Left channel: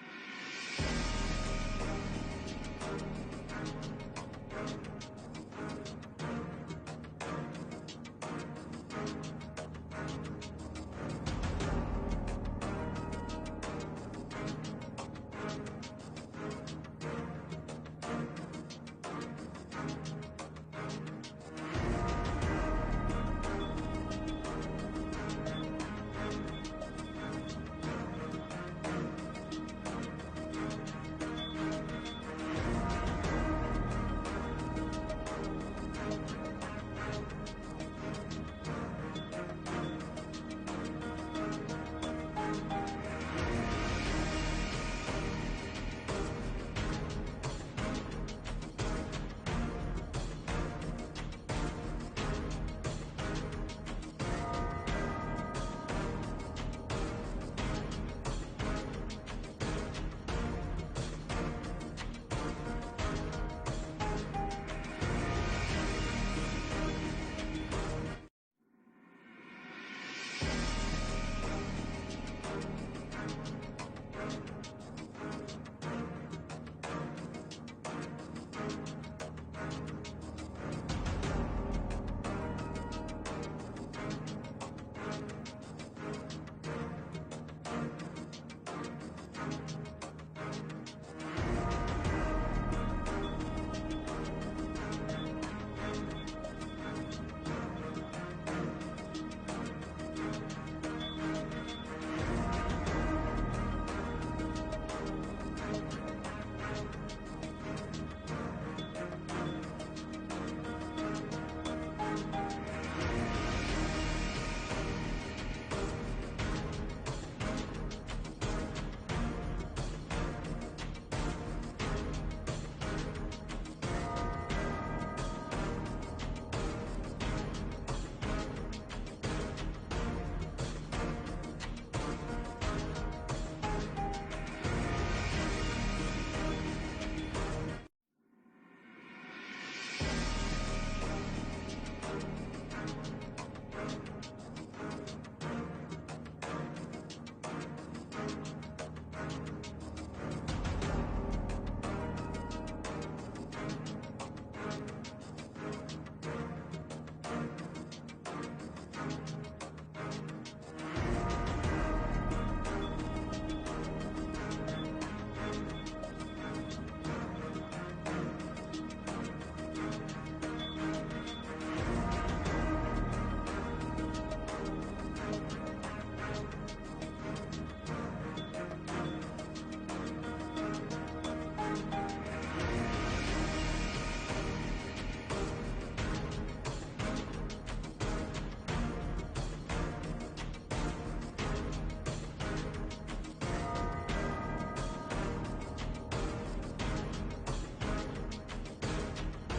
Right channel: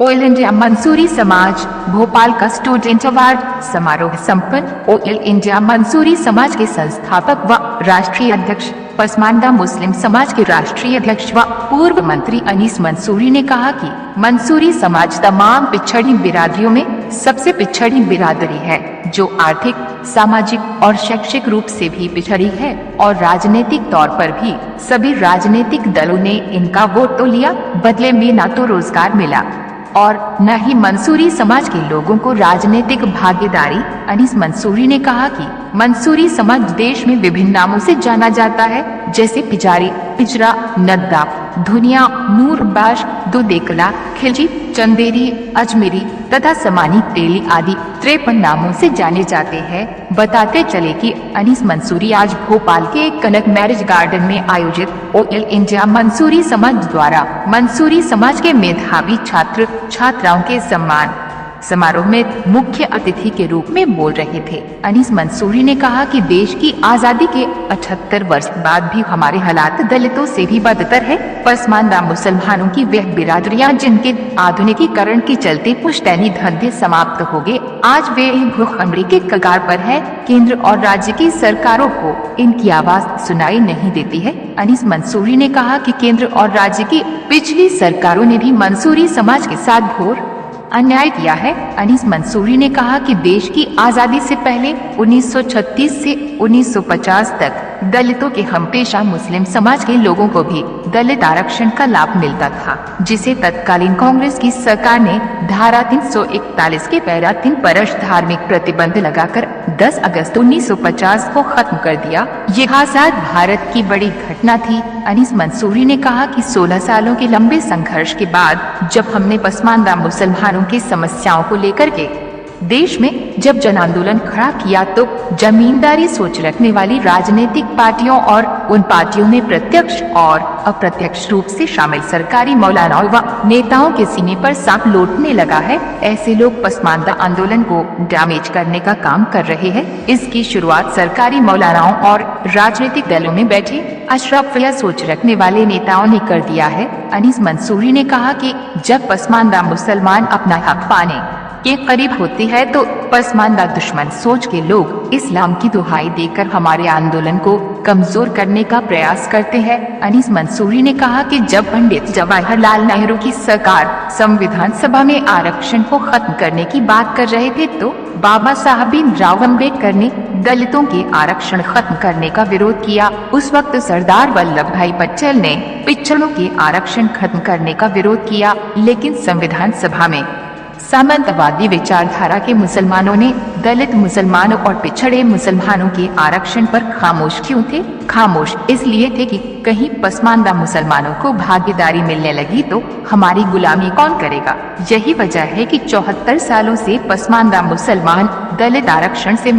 Oil India Mansuri समाज भोपाल का student award समारोह संपन्न। ऑयल इंडिया मंसूरी समाज के संस्थापक व राष्ट्रीय अध्यक्ष, पसमानदा मुस्लिम समाज के राष्ट्रीय अध्यक्ष व पूर्व मंत्री अनीस मंसूरी ने कहा कि मंसूरी समाज तमाम पिछड़ी बिरादरियों में सबसे पिछड़ी बिरादरी है, जो आर्थिक, सामाजिक और शैक्षिक रूप से भी पिछड़ी है और राजनीतिक तौर पर भी। सभी राजनीतिक दलों ने इनका वोट तो लिया, बदले में न तो रोजगार मिला और न ही मंसूरी समाज के लोगों को राजनीतिक भागीदारी। अनीस मंसूरी ने कहा कि मंसूरी समाज देश में विभिन्न नामों से जाना जाता है, जैसे पिजारी, पिजरा, नद्दा, धुनिया, नूरबाश, दुदेकला, खिलजी, चंदेरी, अजमेरी तथा समानी तेली आदि 53 नामों से जाने जाते हैं। बताते चले कि अनीस मंसूरी आज भोपाल के कनक मैरिज गार्डन में आयोजित ऑयल इंडिया मंसूरी समाज द्वारा मंसूरी समाज के मेधावी छात्र छात्राओं के सम्मान समारोह में मुख्य अतिथि के रूप में बोल रहे थे। अनीस मंसूरी ने कहा कि देश की आजादी के 78 वर्ष बाद भी हमारे हालात दलितों से भी बदतर है। पसमानदा मुसलमानों की वह बिरादरियां जिनके आधुनिकीकरण के चलते पुश्तैनी धंधे समाप्त हो गए, आज वे भूखमरी के कगार पर है। केंद्र और राज्य की सरकारों को इनकी आवाज सुनाई नहीं देती है। अनीस मंसूरी ने कहा कि केंद्र और राज्य की पिछली सरकारों ने भी मंसूरी समाज के साथ घोर अन्याय किया है। अनीस मंसूरी ने कहा कि देश की आजादी से पहले 1936 से 1950 तक दलितों के हमपेशा मुस्लिम समाज के लोगों को भी दलित आरक्षण का लाभ मिलता था, जिसे तत्कालीन कांग्रेस की सरकार ने धारा 341 के पैरा 3 पर धार्मिक प्रतिबंध लगाकर 10 अगस्त 1950 को खत्म कर दिया। यह आजाद भारत की बड़ी घटना थी। अनीस मंसूरी ने कहा कि 16 सालों के लंबे संघर्ष के बाद जब हमने पसमानदा मुसलमानों की समस्याओं को लेकर के देश में जब जन आंदोलन खड़ा किया, तो जमींदारी सोच रखने वाली राजनीतिक पार्टियों और उन पार्टियों में प्रत्यक्ष और अप्रत्यक्ष रूप से शामिल सरकारी मौलानाओं व नेताओं के सीने पर सांप लौटने लगा है। ऐसे लोग पसमानदा आंदोलन को डैमेज करने का काम कर रहे हैं। इसकी शुरुआत सरकारी मौलानाओं और राजनीतिक दलों में बैठे अशराफिया सोच रखने वाले नेताओं ने कर दिया है। अनीस मंसूरी ने कहा कि जब पसमानदा मुसलमान अपना हक पाने के करीब होती है, तो पसमानदा दुश्मन सोच के लोग इस्लाम की दुहाई देकर हमारे आंदोलन को कमजोर करने का प्रयास करते हैं। अनीस मंसूरी ने कहा कि जब पंडित जवाहरलाल नेहरू की सरकार संविधान सभा में आरक्षण को खत्म करने की बात कर रहे थे, तो बाबा साहब भीमराव अम्बेडकर ने दलितों के आरक्षण खत्म करने का विरोध किया। उस वक्त सरदार वल्लभ भाई पटेल ने पिछड़ों के आरक्षण खत्म करने का विरोध किया, लेकिन संविधान सभा में सामंतवादी विचारधारा के मुसलमानों ने दलित मुसलमानों और पिछड़े मुसलमानों के आरक्षण पर खामोश क्यों थे? खामोश इसलिए थे कि कहीं पसमानदा मुसलमानों को भागीदारी मिलने लगी तो हमारी गुलामी कौन करेगा। यही वजह है कि 74 सालों से पसमानदा मुसलमान दलित आरक्षण से